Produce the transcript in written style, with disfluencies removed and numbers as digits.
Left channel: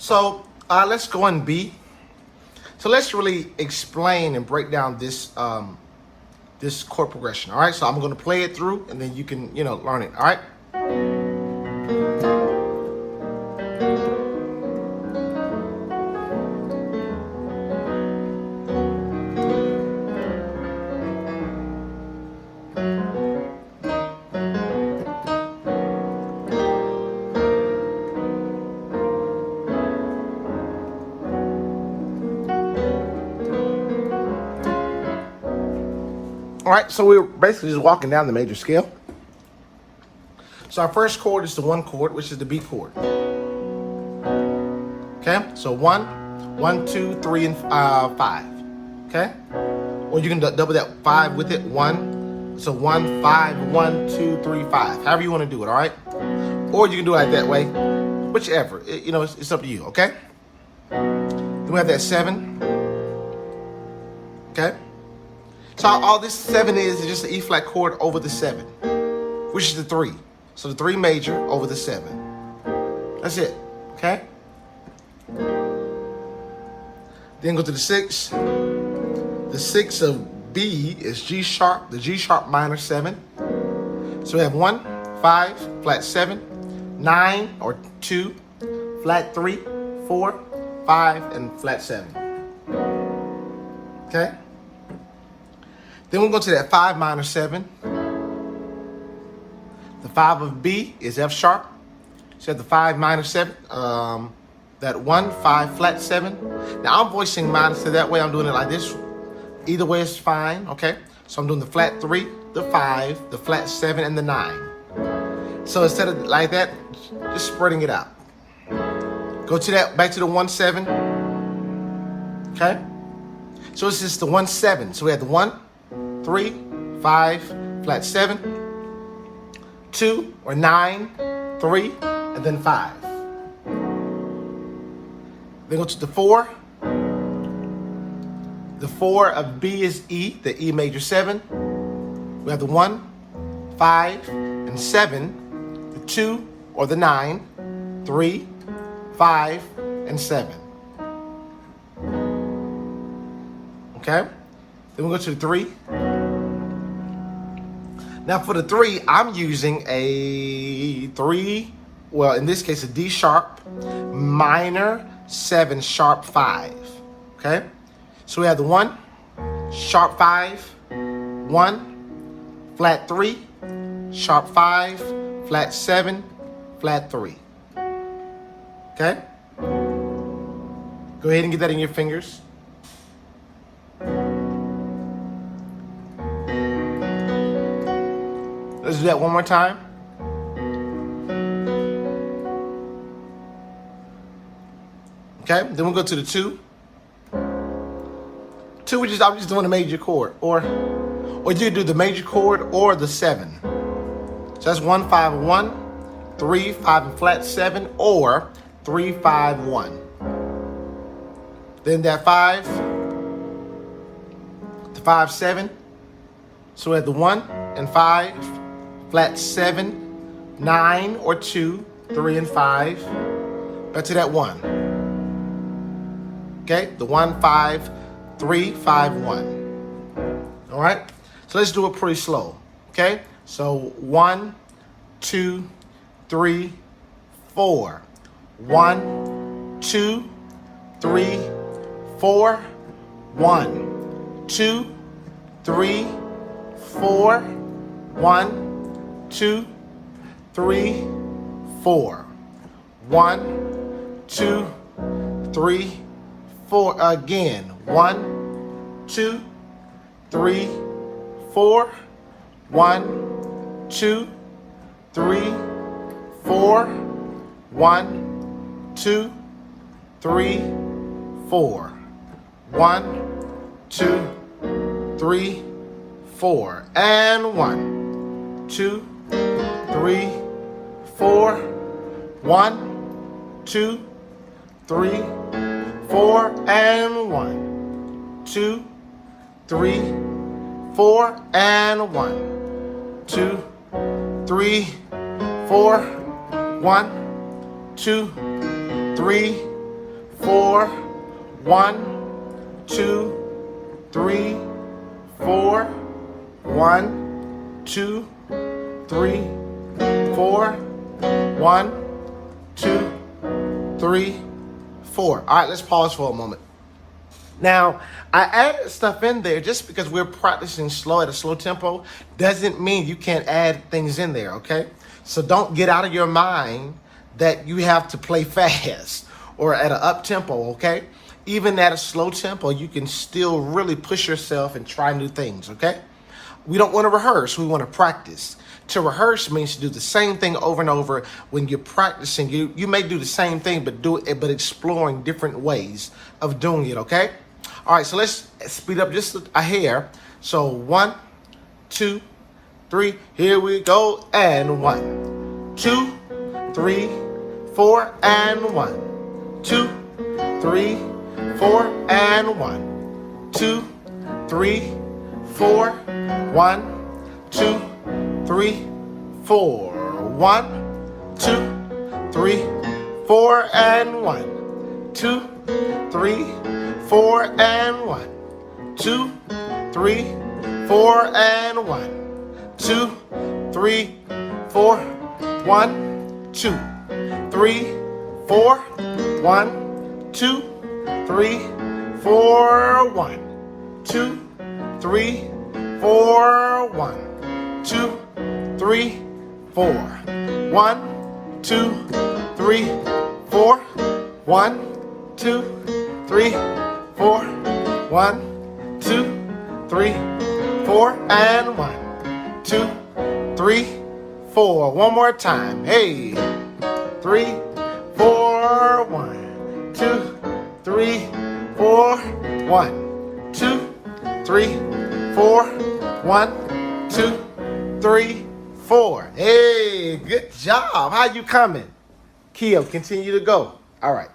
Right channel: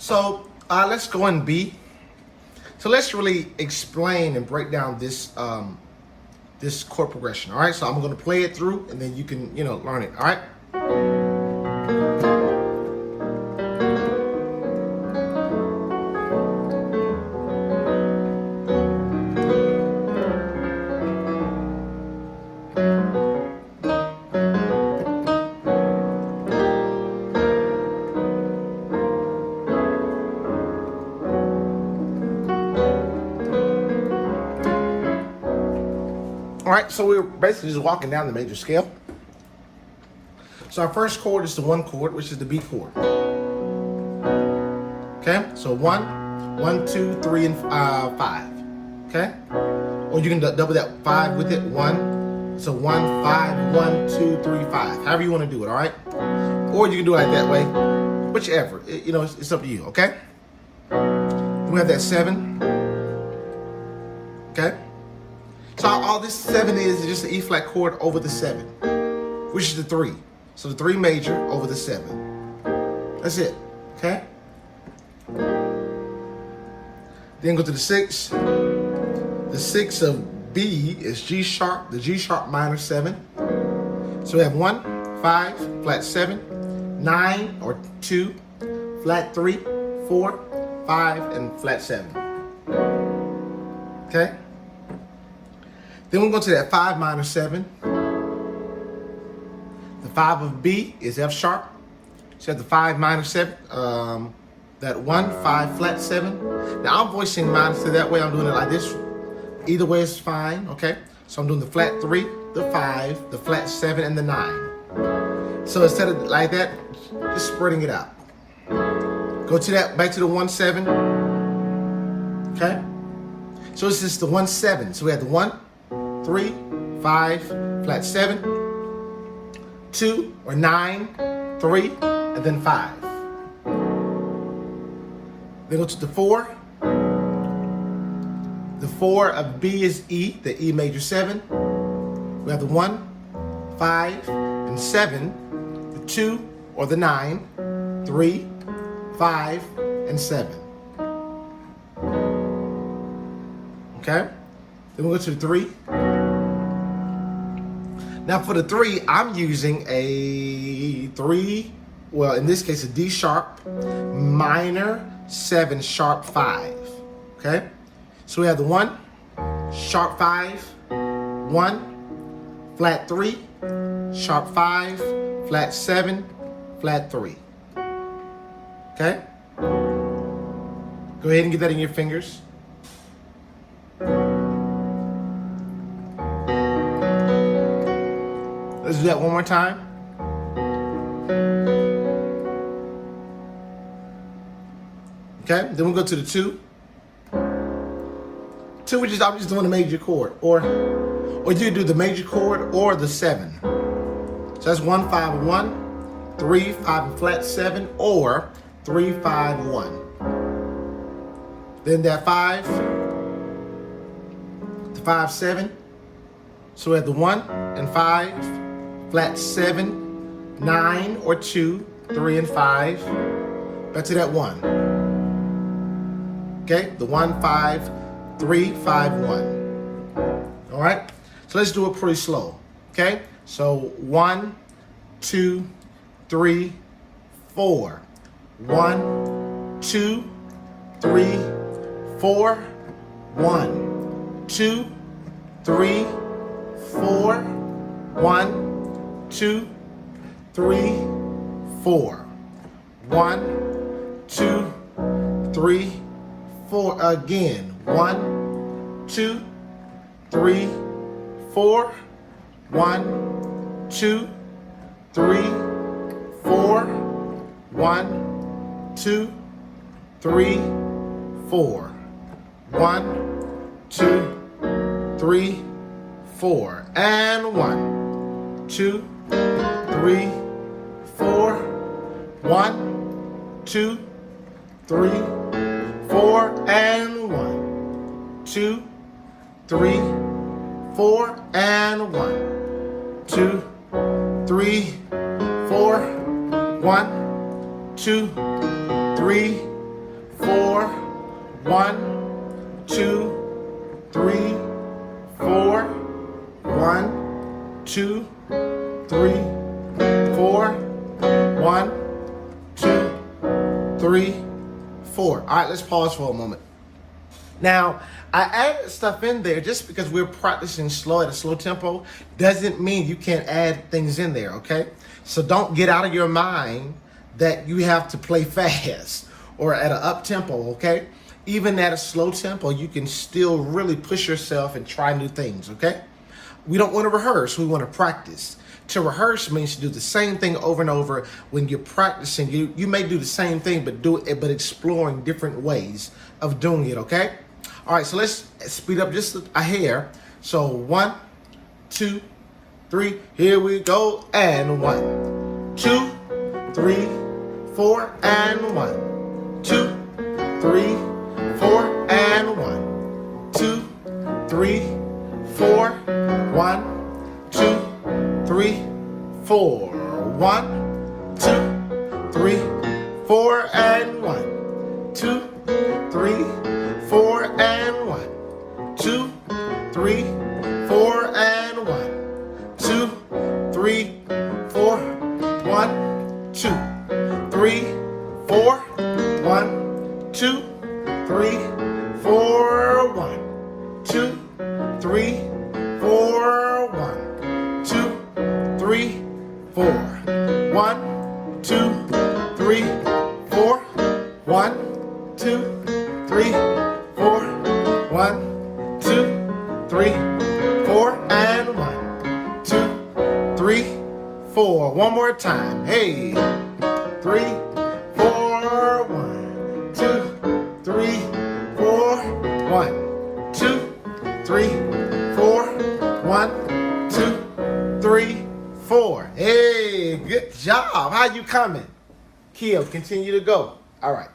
So let's go in B. So let's really explain and break down this this chord progression. All right. So I'm going to play it through, and then you can learn it. All right. All right, so we're basically just walking down the major scale. So our first chord is the 1 chord, which is the B chord. Okay, so 1, 1, 2, 3, and 5. Okay, or you can double that 5 with it. 1, so 1, 5, 1, 2, 3, 5. However you want to do it. All right, or you can do it that way, whichever. It's up to you. Okay. Then we have that 7. Okay. So all this 7 is just an E flat chord over the 7, which is the 3. So the 3 major over the 7. That's it. Okay? Then go to the 6. The 6 of B is G sharp, the G sharp minor 7. So we have 1, 5, flat 7, 9 or 2, flat 3, 4, 5, and flat 7. Okay? Then we'll go to that 5 minor 7. The 5 of B is F sharp. So the 5 minor 7, that 1, 5, flat 7. Now I'm voicing mine, so that way I'm doing it like this. Either way is fine, okay? So I'm doing the flat 3, the 5, the flat 7, and the 9. So instead of like that, just spreading it out. Go to that, back to the 1, 7. Okay? So this is the 1, 7. So we have the 1, 3, 5, flat 7, 2 or 9, 3, and then 5. Then go to the 4. The 4 of B is E, the E major 7. We have the 1, 5, and 7, the 2 or the 9, 3, 5, and 7. Okay? Then we go to the 3. Now for the 3, I'm using a 3, well in this case a D sharp, minor 7 sharp 5. Okay? So we have the 1, sharp 5, 1, flat 3, sharp 5, flat 7, flat 3. Okay? Go ahead and get that in your fingers. Let's do that one more time. Okay, then we'll go to the 2. 2, I'm just doing a major chord, or you do the major chord or the 7. So that's 1, 5, 1, 3, 5, and flat 7, or 3, 5, 1. Then that 5, the 5, 7. So we have the 1 and 5, flat 7, 9 or 2, 3, and 5. Back to that 1. Okay, the 1, 5, 3, 5, 1. All right, so let's do it pretty slow. Okay, so 1, 2, 3, 4. 1, 2, 3, 4. 1, 2, 3, 4. 1, 2, 3, 4. 1, 2, 3, 4. Again. 1, 2, 3, 4. 1, 2, 3, 4. 1, 2, 3, 4. 1, 2, 3, 4. And 1, 2, 3, 4. 1, 2, 3, 4. And 1, 2, 3, 4. And 1, 2, 3, 4. 1, 2, 3, 4. 1, 2, 3, 4. 1, 2, 3, 4. 1, 2, 3, 4. All right, let's pause for a moment. Now, I added stuff in there just because we're practicing slow at a slow tempo doesn't mean you can't add things in there, okay? So don't get out of your mind that you have to play fast or at an up tempo, okay? Even at a slow tempo, you can still really push yourself and try new things, okay? We don't want to rehearse, we want to practice. To rehearse means to do the same thing over and over. When you're practicing, you may do the same thing, but exploring different ways of doing it, okay? All right, so let's speed up just a hair. So 1, 2, 3, here we go, and 1, 2, 3, 4, and 1, 2, 3, 4, and 1, 2, 3, 4, 1, 2, 3, 4, 1, 2, 3, 4, and 1, 2, 3, 4, and 1, 2, 3, 4, and 1, 2, 3, 4, 1, 2, 3, 4, 1, 2, 3, 4, 1, 2, 3, 4, 1, 2, 3, 4, 1, 2, 3, 4, 1, 2, 3, 4, 1, 2, 3, 4, and 1, 2, 3, 4. One more time. Hey, 3, 4, 1, 2, 3, 4, 1, 2, 3, 4, 1, 2, 3, 4. Hey, good job. How you coming? Kia, continue to go. All right.